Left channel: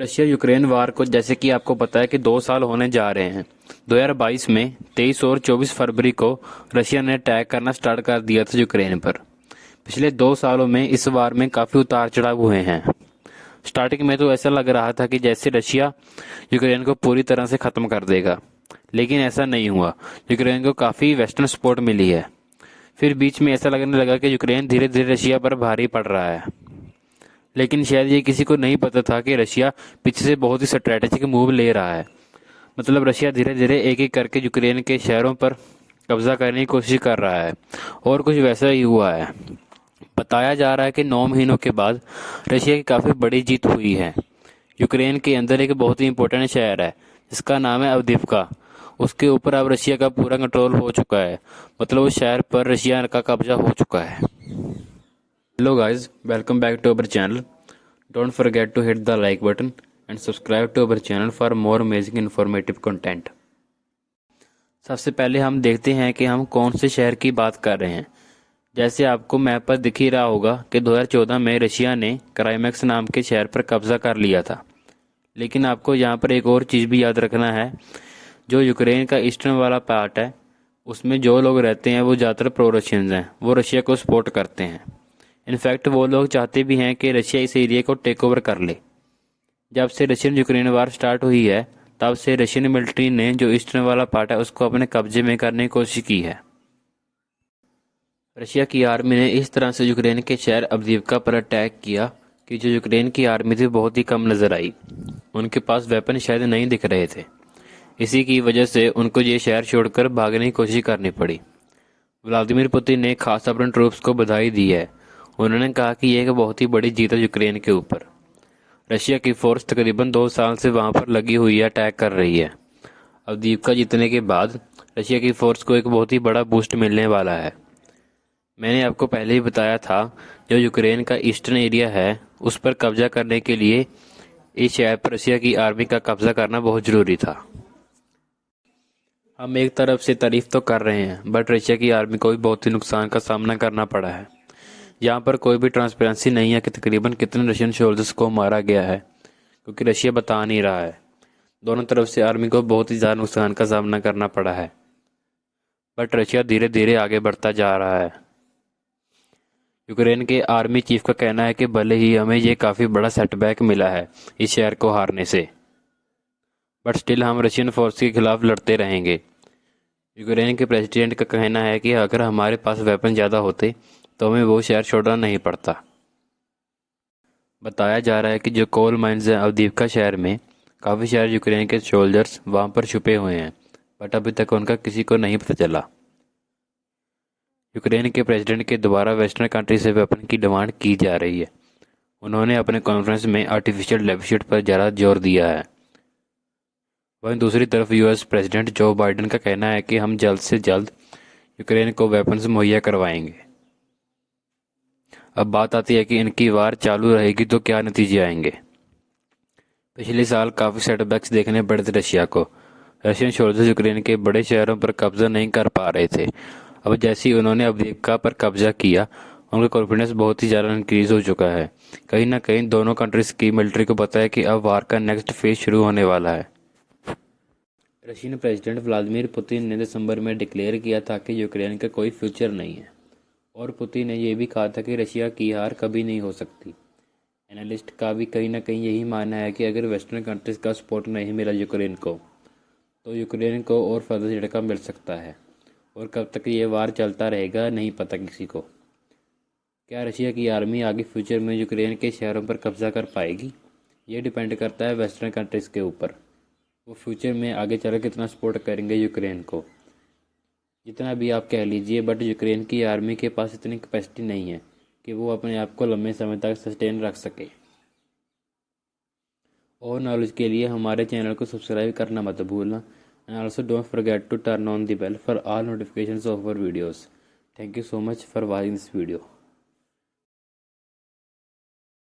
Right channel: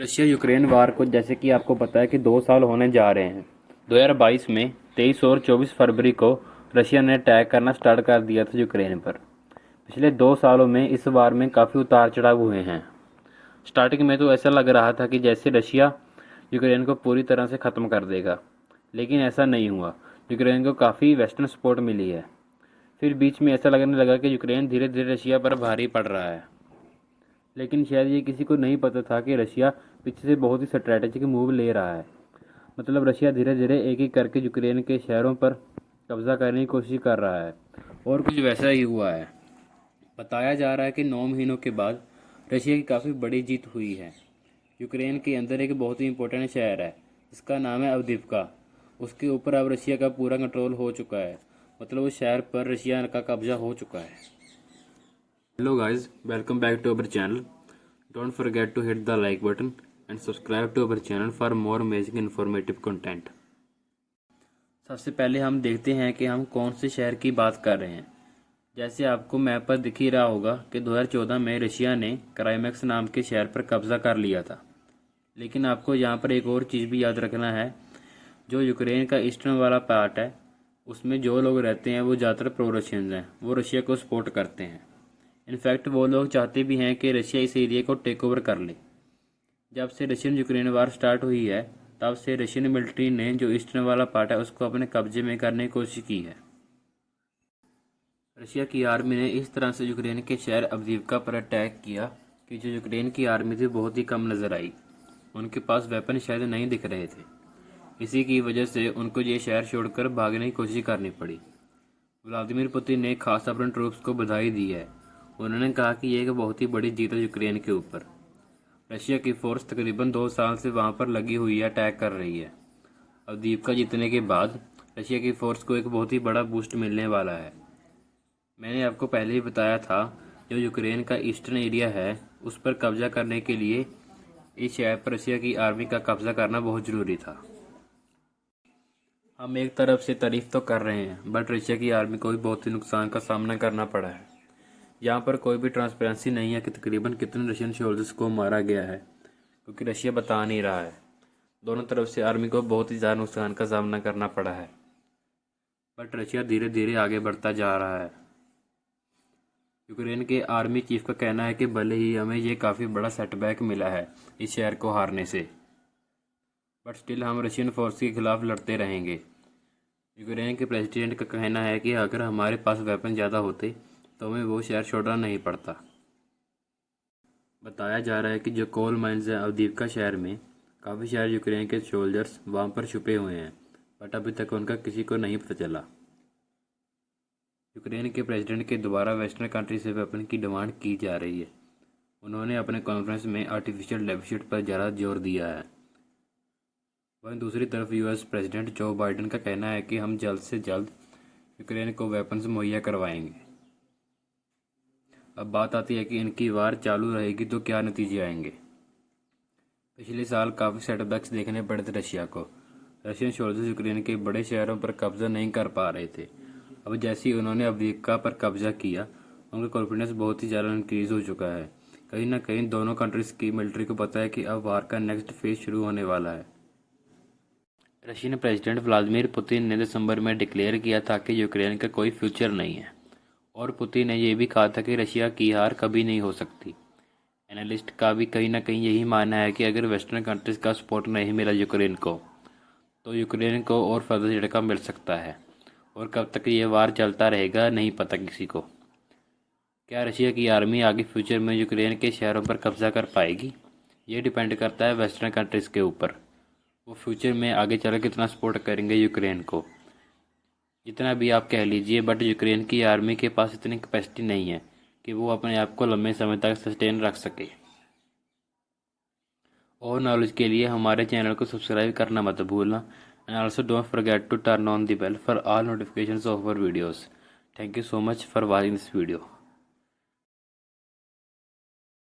Russia Ukraine वार को जैसे कि आपको पता है कि 2 साल होने जा रहे हैं। 2022 में 23 और 24 फरवरी को रशिया ने अटैक करना स्टार्ट कर दिया था यूक्रेन पर। पिछले 2 सालों में इस वार में काफ़ी उतार चढ़ाव हुए हैं। स्टार्टिंग में तो ऐसा लग रहा था कि जैसे रशिया यूक्रेन को पूरी तरह से ख़त्म कर देगा, लेकिन ऐसा नहीं हुआ। यूक्रेन को काफ़ी वेस्टर्न सपोर्ट मिली है। फिर बीच में ऐसा लगने लगा कि यूक्रेन धीरे धीरे रशिया पर भारी पड़ रहा है, लेकिन शायद ये किसी को नहीं पता था कि रशिया पीछे से बहुत ही स्ट्रैटेजिक मूव ले रहा है। मतलब रशिया धीरे धीरे एक एक करके यूक्रेन के शहरों पर कब्जा करने की कोशिश कर रहा है, और कुछ वैसा ही हुआ है। बताया जा रहा है कि 9 महीनों के बाद रशिया की काफ़ी बड़ी जीत हुई है। यूक्रेन के अंदर एक बहुत ही इंपॉर्टेंट शहर है जिसका नाम है अवदीव्का। उसके ऊपर अब रशिया का पूरा कंट्रोल हो चुका है। मतलब उस शहर पर रशिया का कब्जा हो चुका है। Hello guys, welcome back to our channel. Don't forget to hit the like button and subscribe to our channel for more amazing informative content. सबसे पहले हम देखते हैं कि हम कौन से शहर की बात कर रहे हैं। जैसे आपको मैप पर दिख ही रहा होगा कि 2014 में रशिया ने क्राइमेक्स नाम के शहर पर कब्जा कर लिया था। लेकिन आपको यहाँ पर एक और चीज़ भी याद रखना है। जो यूक्रेन का ईस्टर्न वाला पार्ट है, उसमें जो लोग रहते हैं वो ज़्यादातर प्रो रशियंस हैं। वो रशिया को सपोर्ट करते हैं। इनफैक्ट वो लोग चाहते भी हैं कि रशिया इस एरिया को टेक ओवर कर ले। जब से रशियन यूक्रेन वार स्टार्ट हुई है, तब से रशियन मिलिट्री ने जो ईस्टर्न वाला पार्ट है उसको अपने कब्जे में करने की कोशिश की है। रशिया की आर्मी ने इस तरह से यूक्रेन के शहर अवदीव्का पर अटैक किया कि जो यूक्रेन की आर्मी थी बहुत ही कम नज़र आई। उनके पास वेपन शायद नहीं दिख रहे थे। इसी की वजह से उनको ये शहर छोड़कर भागने की कोशिश करनी पड़ी। व्लादिमीर पुतिन ने खास अपने ट्रूप्स को बधाई दी है। उन्होंने कहा कि यह एक बहुत ही बड़ी जीत है यूक्रेन के ऊपर। रशिया की फोर्स तकरीबन 2 साल से वहां पर लगी हुई है, अटैक कर रही है। अवदीव्का जीतने के बाद रशिया की फोर्स को एक बहुत ही बड़ा बूस्ट मिलने वाला है। मैंने आपको पहले ही बताया था, जो यूक्रेन का ईस्टर्न एरिया है उस पर कब्जा करने के लिए इस शहर पर रशिया की आर्मी का कब्जा करना बहुत ज़रूरी था। हम एक तरफ से तारीफ तो कर रहे हैं, बट रशिया की आर्मी को भी बहुत ही नुकसान का सामना करना पड़ा है। यहाँ पर कोई भी ट्रांसपेरेंसी नहीं है कि तकरीबन कितने रशियन सोल्जर्स को मारा गया है, क्योंकि रशिया बता नहीं रहा है। दोनों तरफ से आर्मी को बहुत ही ज़्यादा नुकसान का सामना करना पड़ा है, बट रशिया धीरे धीरे आगे बढ़ता जा रहा है। यूक्रेन के आर्मी चीफ का कहना है कि भले ही हमें ये काफ़ी बड़ा सेटबैक मिला है इस शहर को हारने से, बट स्टिल हम रशियन फोर्स के खिलाफ लड़ते रहेंगे। यूक्रेन के प्रेसिडेंट का कहना है कि अगर हमारे पास वेपन ज़्यादा होते तो हमें वो शहर छोड़ना नहीं पड़ता। बताया जा रहा है कि जो कोल माइंस हैं अवदीव्का शहर में, काफ़ी शहर यूक्रेन के सोल्जर्स वहाँ पर छुपे हुए हैं, बट अभी तक उनका किसी को नहीं पता चला। यूक्रेन के प्रेसिडेंट के द्वारा वेस्टर्न कंट्री से वेपन की डिमांड की जा रही है। उन्होंने अपने कॉन्फ्रेंस में आर्टिफिशियल डेफिसिट पर ज़्यादा जोर दिया है। वहीं दूसरी तरफ यूएस प्रेसिडेंट जो बाइडेन का कहना है कि हम जल्द से जल्द यूक्रेन को वेपन्स मुहैया करवाएंगे। अब बात आती है कि इनकी वार चालू रहेगी तो क्या नतीजे आएंगे। पिछले साल काफ़ी सेटबैक्स देखने पड़े थे रशिया को। रशियन सोल्जर्स यूक्रेन के बड़े शहरों पर कब्जा नहीं कर पा रहे थे। अब जैसे ही उन्होंने अवदीव्का पर कब्जा किया, उनका कॉन्फिडेंस बहुत ही ज़्यादा इंक्रीज़ हो चुका है। कहीं ना कहीं दोनों कंट्रीज़ की मिलिट्री को पता है कि अब वार का नेक्स्ट फेज शुरू होने वाला है। रशियन प्रेसिडेंट व्लादिमीर पुतिन ने दिसंबर में डिक्लेयर किया था कि यूक्रेन का कोई फ्यूचर नहीं है, और पुतिन ने यह भी कहा था कि रशिया की हार कभी नहीं हो सकती। एनालिस्ट का भी कहीं ना कहीं यही मानना है कि अगर वेस्टर्न कंट्रीज़ का सपोर्ट नहीं मिला यूक्रेन को, तो यूक्रेन को और फर्दर झटका मिल सकता है। और कब तक ये वार चलता रहेगा नहीं पता किसी को। क्या रशिया की आर्मी आगे फ्यूचर में यूक्रेन के शहरों पर कब्जा कर पाएगी, ये डिपेंड करता है वेस्टर्न कंट्रीज़ के ऊपर। वो फ्यूचर में आगे चल कितना सपोर्ट करेंगे यूक्रेन को। जितना भी आप कह लीजिए, बट यूक्रेन की आर्मी के पास इतनी कैपेसिटी नहीं है कि वो अपने आप को लंबे समय तक सस्टेन रख सके। और नॉलेज के लिए हमारे चैनल को सब्सक्राइब करना मत भूलना, and also don't forget to turn on the bell for all notifications of our videos. Thank you so much for watching this video.